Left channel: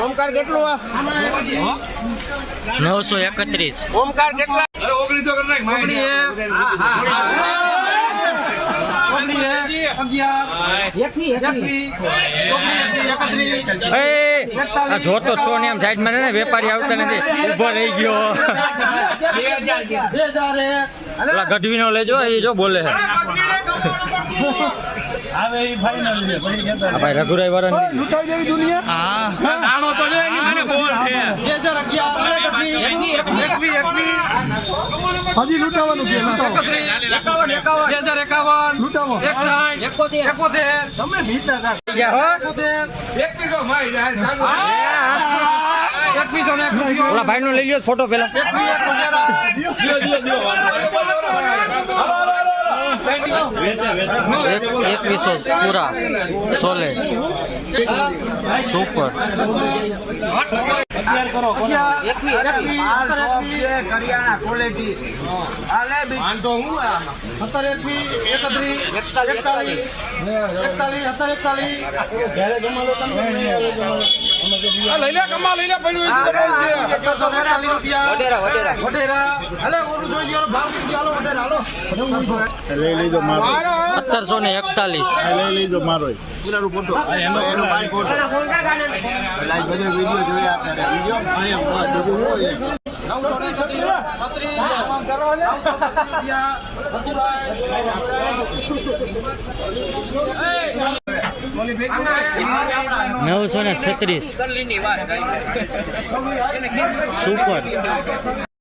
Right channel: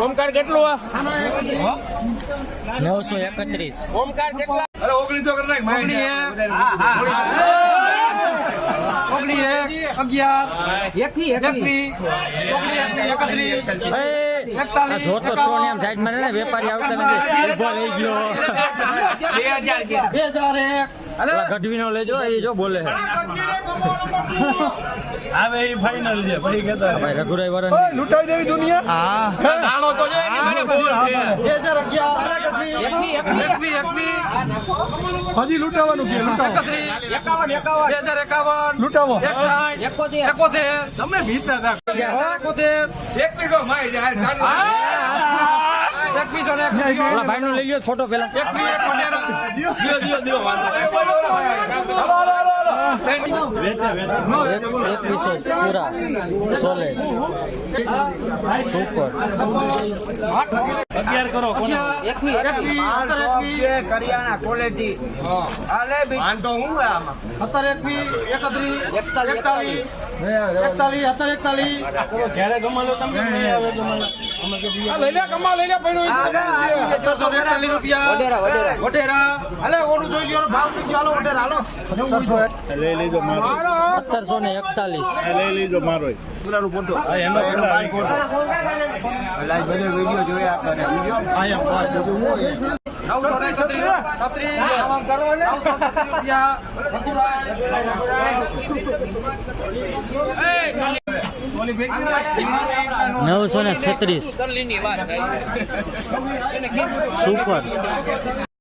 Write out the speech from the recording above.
ઓમકાર કેટલું 931 ઓમકાર કેટલા જોતો છો ને આમ સાઈડ માં વેપારી આવતા નથી ઉભો રહી ગયો ગઢવી નો લેજો એ જો બોલે છે આવે એ ફાઇનલ છે ભાઈ કેતા ભાઈ રઘુરાય વાળા લૂંટાઈ દેવી દુનિયા હા દાણો તો જો એની મને બોલ છે 2011 હજી લૂંટાવાનું છે લૂંટાવો 2051 લૂંટાવો 71 તમે ભીતા હતા 2100 માઈ જાય ઓલા ભાઈ નો લઈ લ્યો ફોટો પેલા 2100 પૂરા સોલે સુપર 11 કરો કરિયાણા ક્વોલિટી આલે તો હું આમાં 41 જ્યારે ગમાલો તમને લઈ લે કમા લઈ લે પડ્યું છે 1741 રૂપિયા વઢેરા હાલે ઓલું જોઈ લ્યો ભાવ કઈ ગયો હાલો વઢેરા હાલો લઈ લીધો મારો 1741 લઈ લીધો મારો પૂરાનું ફોટો આ એનો પેલા બધો વિડિયો જોયા કરે વિડિયો આયા ₹936 સુપર